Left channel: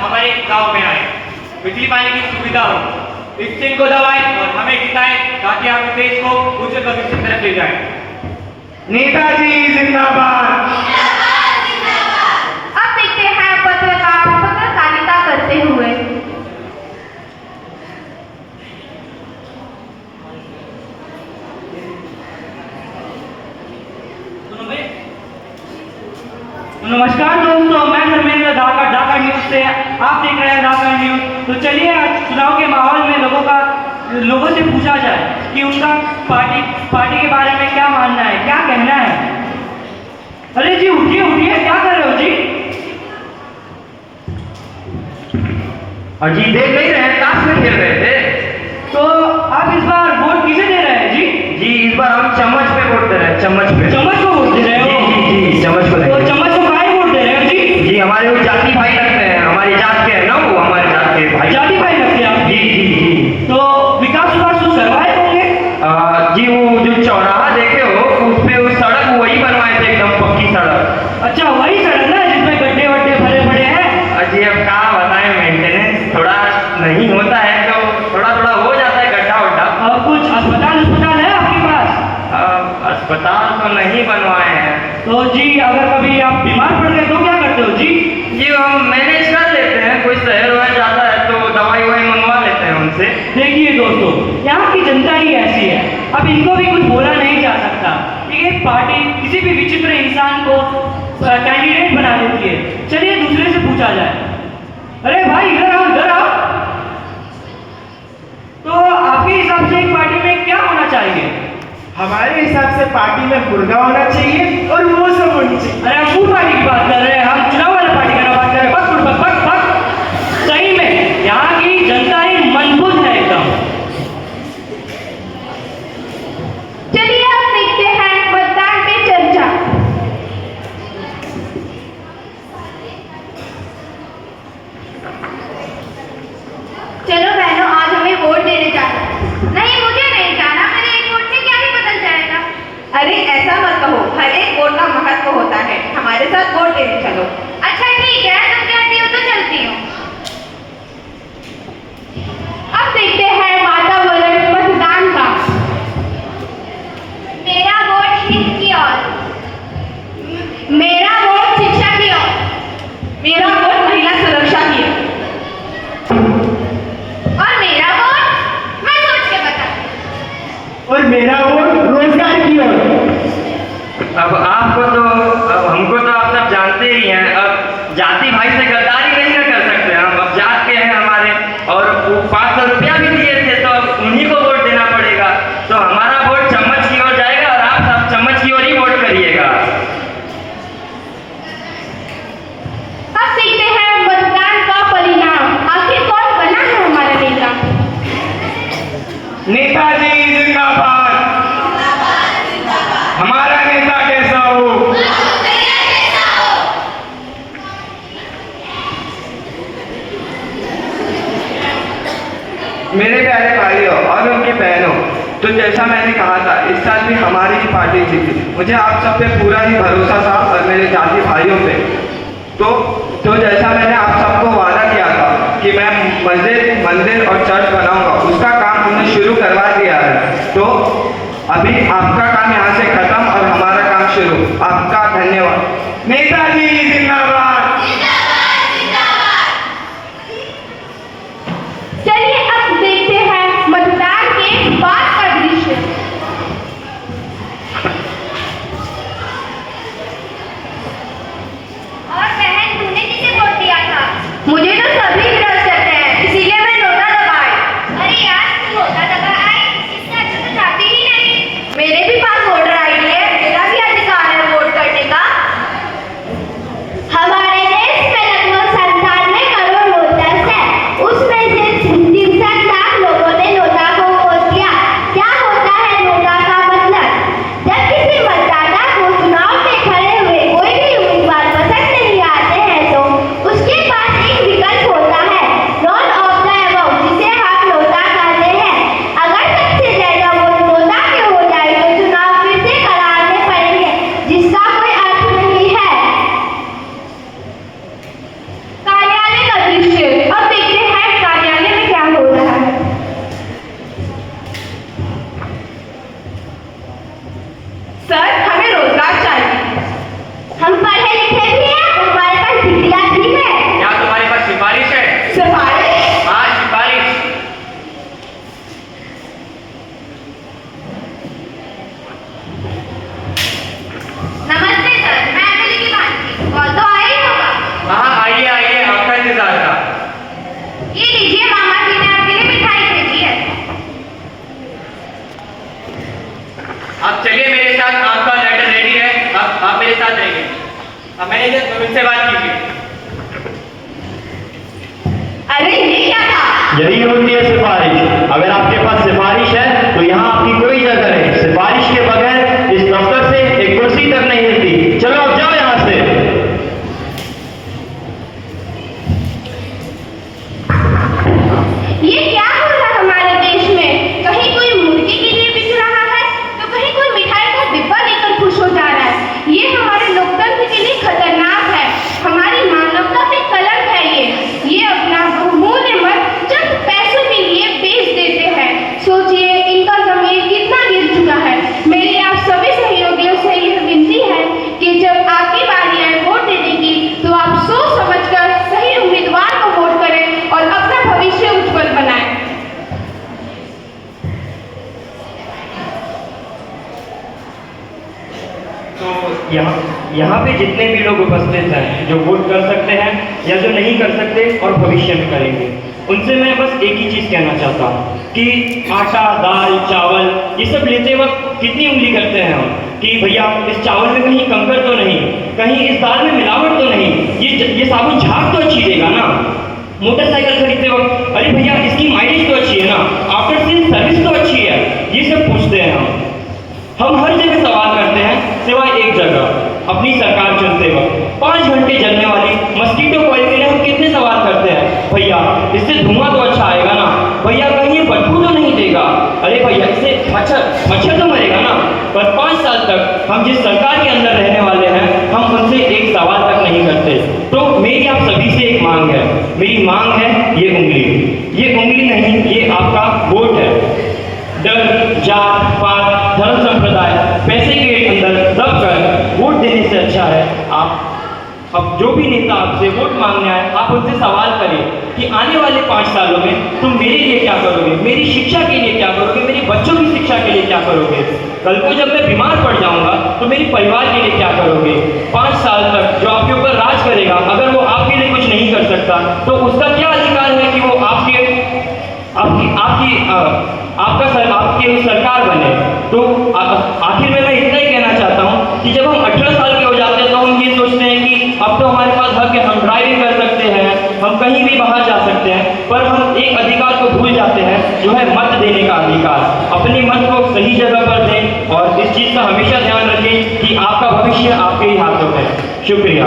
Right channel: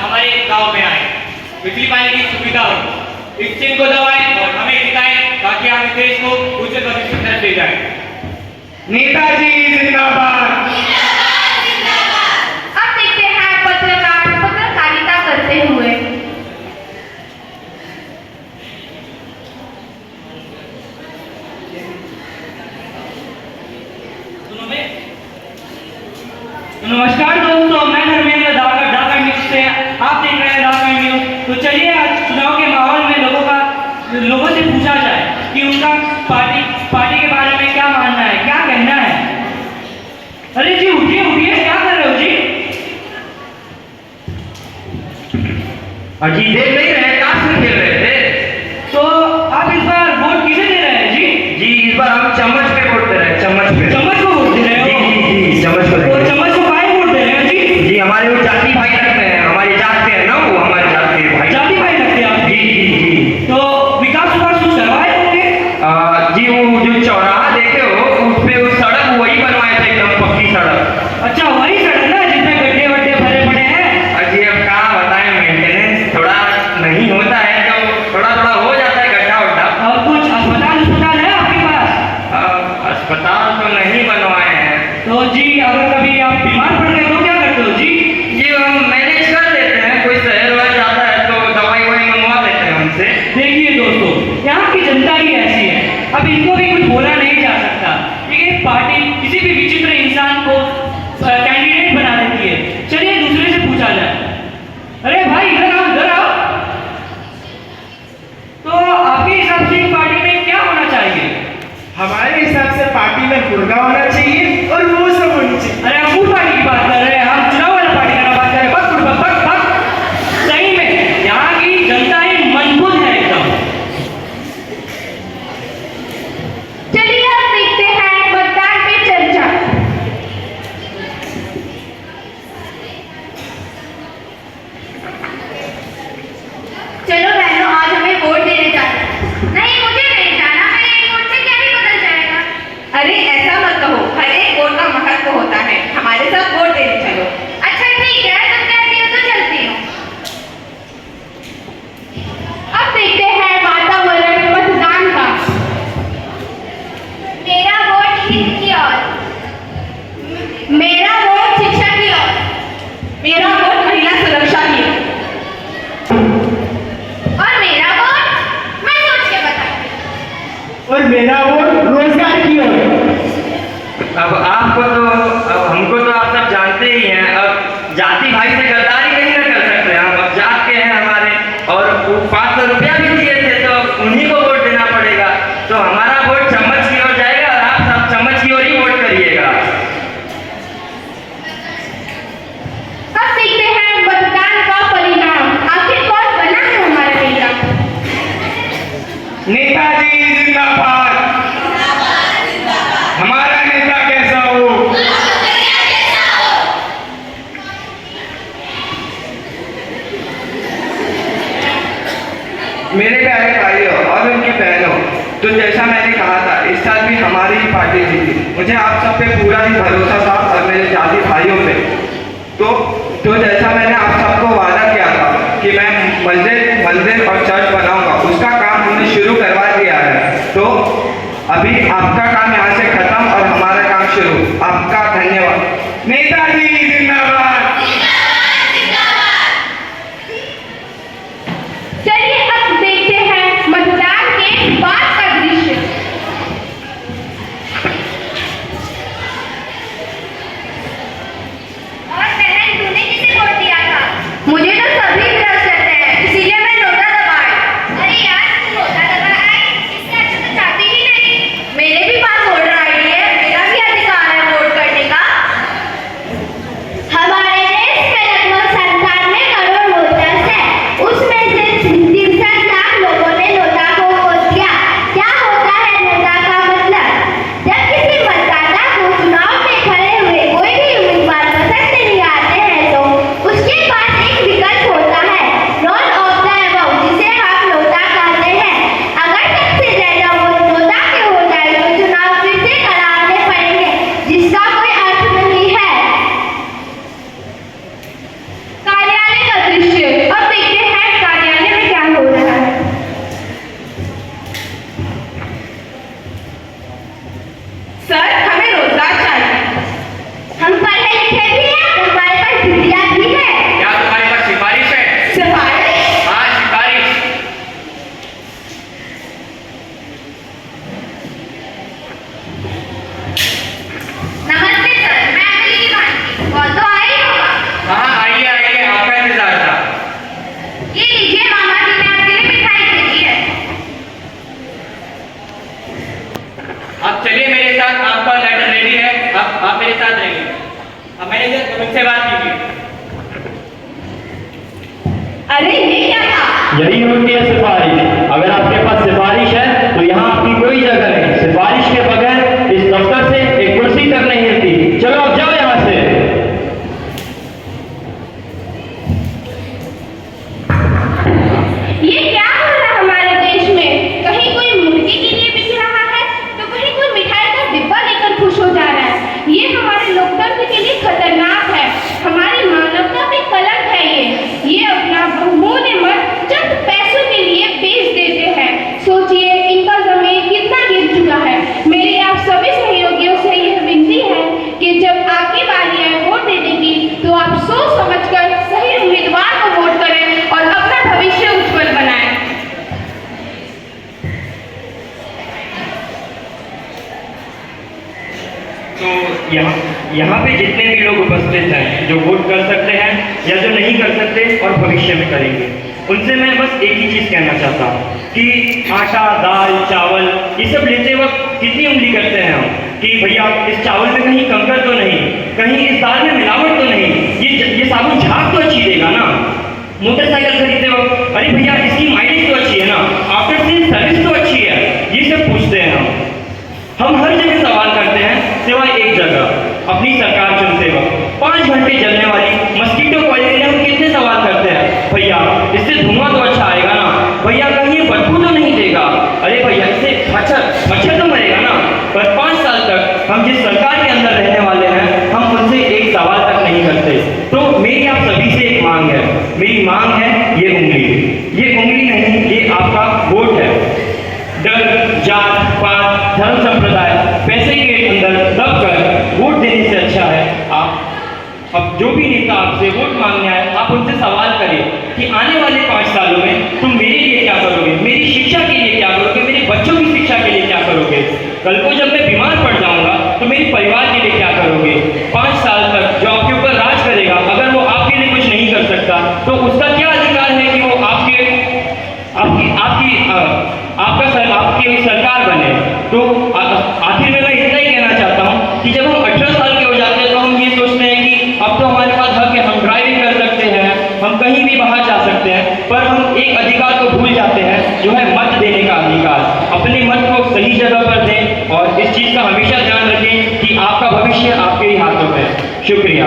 हमारे गांव में आए, बिजली पानी की सुविधा हो, इस चीज को दबाएं और हमें जिताएं ताकि हम इस देश को उच्च भविष्य की तरफ ले जाएं। नेताजी जिंदाबाद। अब देखते हैं पत्रकारिता करते हुए। नमस्कार दोस्तों, मैं धर्मेंद्र ढाका न्यूज से, आप देख रहे हैं ढाका न्यूज। तो चलिए आज चुनाव के माहौल में लोगों से पूछा जाए कि उनका पार्टी के बारे में क्या मानना है, क्या कहना है। अरे जी उठिए उठिए, क्या कर रहे हो जी? अजी देख नहीं रहे, ताश में खेल रहे थे। तो आप इस बार वोट किसे दे रहे हैं जी? जी इस बार हम चम्मच पे वोट दे रहे हैं, चम्मच पे। चम्मच को वोट दे रहे हो? जी चम्मच को। तो चम्मच को काहे वोट दे रहे हैं जी? जी हमारे वो जाति भाई लगते हैं, हमारी जात के है ना, वो हमारी जात के भाई। जाति भाई लगते हैं आप? जी। तो विकास कुछ करवाए होंगे? जी वो जो चौराहा देखे हो, उस पे वो सड़क वही बनवाए थे, एकदम पक्की सड़क। अच्छा वही सड़क ना जिसमें गड्ढे वड्ढे भरे पड़े हैं? अजी अब क्या बताएं, मेंटेनेंस थोड़ा नहीं होता है, तो थोड़ा थोड़ा हो जाता है गड्ढा वड्ढा। और कुछ अस्पताल है आपके पास? अस्पताल तो नहीं बनवाए हैं। तो जी अगर कभी आप बीमार पड़ गए तो क्या करते हो जी? जी हम मैनेज कर लेते हैं, कोई शहर वहर जाता है तो दवाई ववाई मंगवा लेते हैं उनसे। देखिए दोस्तों, यहाँ की जनता ही ऐसी है, अब इनको भी कुछ बोला नहीं जा सकता। एक पार्टी किसी भी विचित्र इंसान को कैंडिडेट बना देती है। चलिए दूसरे से पूछा जाए। अरे भाई इधर आओ इधर आओ। तो आपके हिसाब से एक पार्टी में क्या होना चाहिए? हमारे हिसाब से पार्टी में मुर्गा होना चाहिए और वो सब होनी चाहिए। अरे हम फूड पार्टी की बात कर रहे हैं, हम चुनाव वाला पार्टी का बात कर रहे हैं। बस सही में यहाँ की जनता ही मजबूत है एकदम। चलिए अब देखते हैं मतदान पे चर्चा। चलो बहनों, आज हमें वोट देने जाना है। नहीं मुझे नहीं जाना, मेरे एक वोट से क्या ही बदल जाएगा। अरे ऐसा मत कहो, हर एक वोट का महत्व होता है। हमारे साथ वोट देने चलो। अच्छा ठीक है, तुम कहती हो तो चलती हूँ। अब देखते हैं वातावरण मतदान का। मेरा वोट हित की ओर, मेरा वोट शिक्षा की ओर, मेरा वोट महिला सुरक्षा की ओर, और मेरा वोट मैं सोच के बताऊं, और मेरा वोट रोजगार की ओर। अब हमको तो आप सब जानते ही हैं। अब जाति भाई से गद्दारी नहीं ना कर सकते हम। अब जात के हैं हमारे, और वो 500 रुपया भी दिए थे तो उन्हीं को वोट देना पड़ेगा। तो हमारा वोट चम्मच की ओर जाएगा और आप सब चम्मच की ओर ही वोट करिएगा। अब देखते हैं मतदान का परिणाम। आखिर कौन बना है हमारा नेता? नेताजी जिंदाबाद। हमारा नेता कैसा हो? मेरे प्यारे भाइयों और उनकी बहनों, तो जैसा मैंने कहा था, इस साल भी हमारी ही पार्टी जीती। मुझे आप सब पे पूरा ही भरोसा था और मेरे जाति भाइयों पे। तो जैसा मैंने आप सबको वादा किया था कि मैं मंदिर और चर्च बनाऊंगा, उसका काम हमने शुरू करवा दिया है। तो अभी आपका काम यहाँ से खत्म और हमारा काम शुरू। आपका धन्यवाद। नेताजी जिंदाबाद। चलिए अब देखते हैं मतदान के बाद का दृश्य। और बहन, तूने किसे वोट दिया था? मुझे तो सभी विरोध करते हैं, इसीलिए मैं नोटा दबाई। अरे यार तू नोटा दबाई, इससे अच्छा तो चाहती ही नहीं। मेरे भी पास वोटर आईडी है, मेरा भी अधिकार है वोट करने का। हमारे आप चलिए मेरे साथ, आपका लेटर रेडी है, आप मेरे साथ रहिए। अब मैनेजर मुझसे बात कीजिए। अरे ये क्या था? यही होती है सिफारिश। अगर आपके पास सिफारिश है तो यहाँ आपकी कोई जगह नहीं। सिफारिश के बगैर इस दफ्तर से एक कुर्सी तक नहीं हिलती। चलो अब जाओ यहाँ से। ये क्या हो रहा है हमारे देश में? कहीं कोई मुर्गी के लिए बिक रहा है तो कहीं कोई मिठाई का डिब्बा लेकर खुश हो जा रहा है। ये हमारे लोकतंत्र के लिए खतरनाक है, हमारी मानवता पे कलंक है। ये अपना बहुमूल्य मत चंद पैसों के लिए बेच देते हैं। सोचिए इनका जमीन कितना गिर चुका है। मेरी आप सभी सहयोगियों से यह विनती है कि जब आपकी बारी आए वोट देने की तो आप सोच समझकर सही उम्मीदवार को वोट करें और अपना भविष्य उज्जवल बनाएं। तो यहाँ पे जितने भी लोग उपस्थित हैं जो वोट कर सकते हैं या जो नहीं कर सकते और भविष्य में करेंगे, उनसे मैं बस एक ही चीज़ कहना चाहता हूँ कि आटा, दाल, चावल ये सब लेते वक्त कितनी उंगली करते हैं हम कि भैया इस चावल में कहीं कंकर तो नहीं, कहीं इस दाल में मिलावट तो नहीं, ये साबुन झाग तो अच्छी देगा ना। मोटरसाइकिल खरीदते वक्त अरे भैया इसकी माइलेज तो अच्छी है ना, आफ्टर सेल सर्विस तो अच्छी है, ये सब पूछते हैं हम हर जगह सवाल करते हैं सिवाय एक जगह, अपनी सरकार चुनते वक्त 5 घंटे जलने वाली मस्कीटो कॉइल के लिए हम कितने सवाल करते हैं। भैया इससे धुआं तो अच्छा आएगा ना, भैया कहीं ये बदबू तो नहीं देगा, अरे भैया इससे मच्छर तो मरेगा ना। पर 5 साल तक हम जिस सरकार के अंदर रहने वाले हैं हम उनसे एक सवाल तक नहीं करते। तो मेरी आप सभी से एक मांग है, मेरी मांग है ये उंगली नहीं, ये आपका वोट है। डर, जात, पात, धर्म, संप्रदाय, पैसे के अंदर दबकर वोट देने से अच्छा है आप अब जो भी नेता आपसे वोट मांगने आए आप उनसे सवाल करें कि आने वाले 5 सालों में तुम मेरे लिए क्या करोगे, मेरी शिक्षा के लिए क्या करोगे, मेरे बच्चों की शिक्षा के लिए क्या करोगे, कल को जब मैं बीमार पड़ जाऊंगा तो मेरे परिवार के लिए क्या करोगे। 5 साल तक जो आपके ऊपर राज करेगा अगर वो आपके लिए कुछ नहीं कर सकता तो उसका क्या अधिकार है कि वो आपकी सरकार बने। तो आखिर में मैं इतना ही कहना चाहता हूँ कि जब हम 18 साल के हो जाते हैं तो हम ये सोचते हैं कि अब तो हमारे पास हक है, हम ड्राइविंग कर सकते हैं, हम कहीं भी बाहर जा सकते हैं, पर हम एक अधिकार को भूल जाते हैं जो है मत देने का अधिकार। अपने मत को सही जगह पर दें और इस चीज़ का हमेशा ध्यान रखें कि आपका भविष्य आपके ही हाथों में। शुक्रिया।